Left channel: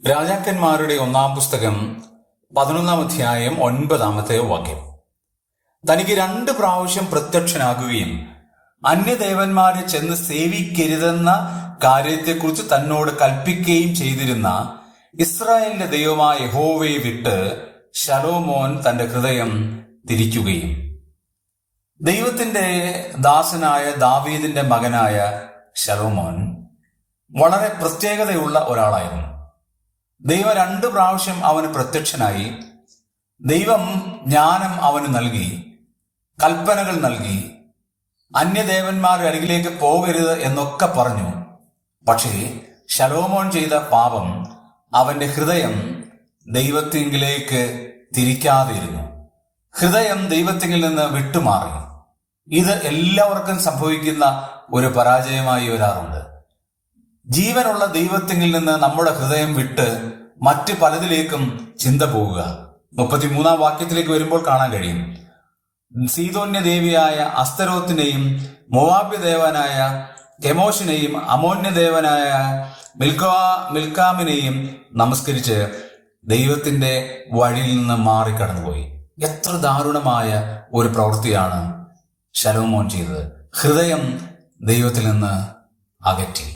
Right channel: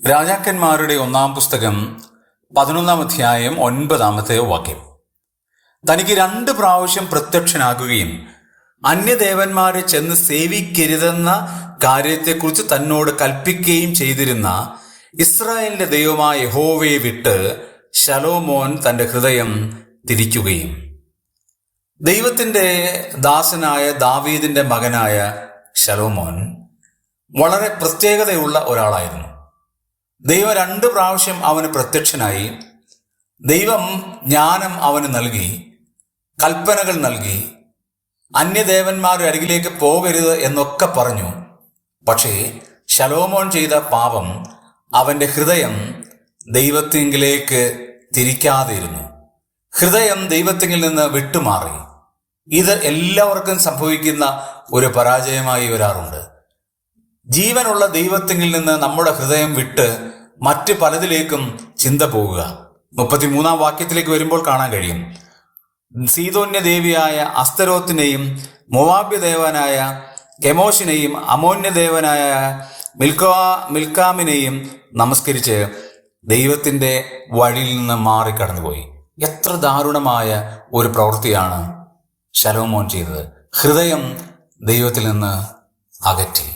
രാജാക്കന്മാരുടെ ഒന്നാം പുസ്തകം 11-ാം അധ്യായം 9-ാമത്തെ വാക്യം. തനിക്ക് 2 പ്രാവശ്യം പ്രത്യക്ഷനാകുകയും അന്യദേവന്മാരെ ചെന്ന് സേവിക്കരുതെന്ന കാര്യത്തെക്കുറിച്ച് തന്നോട് കൽപ്പിക്കുകയും ചെയ്തിരുന്ന ഇസ്രായേലിന്റെ ദൈവമായ യഹോവയെ വിട്ട് ശലോമോൻ തന്റെ ഹൃദയം തിരിക്കുകയും. ദൈവത്തിന്റെ ദാസനായ ദാവീദിന്റെ മകനായ ശലോമോൻ വളരെ പ്രത്യേകതയുള്ള ഒരാളായിരുന്നു. ദൈവം 2 പ്രാവശ്യം അവന് പ്രത്യക്ഷനായി. ദൈവം ജ്ഞാനം അവന് നൽകി, കൽപ്പനകൾ നൽകി, അന്യദേവന്മാരുടെ അരികിലേക്ക് പോകരുത് എന്നൊക്കെ പറഞ്ഞു. പക്ഷേ ശലോമോൻ ചെയ്ത പാപം അവന്റെ ഹൃദയം ദൈവത്തിങ്കിലേക്ക് തിരിക്കാതിരുന്നു. ഹൃദയം ദൈവത്തിങ്കിൽ നിന്ന് വിട്ടുമാറി. ഇത് എല്ലാവർക്കും സംഭവിക്കുന്ന ഒരു പരാജയമായി വരാറുണ്ട്. ജീവനുള്ള ദൈവത്തിങ്കിൽ നിന്ന് നമ്മുടെ ഹൃദയം വിട്ട് മറ്റ് പലതിലേക്കും ചിന്ത പോകുക. 33-ാം വാക്യത്തിലേക്ക് വരുമ്പോൾ കാണാൻ കഴിയും, സീദോന്യ ദേവിയായ അസ്തരോത്തിനെയും മോവാബ്യ ദേവനായ കെമോഷിനെയും അമോന്യ ദേവനായ മിൽക്കാമിനെയും നമസ്കരിച്ച് ദൈവത്തിന്റെ വഴിയിൽ നിന്ന് മാറിക്കടന്നുപോയി. എത്ര ദാരുണമായ ഒരു പ്രവൃത്തിയാണ് ശലോമോൻ ചെയ്തത്. ഹൃദയം ദൈവത്തിൽ നിന്ന് അകറ്റി.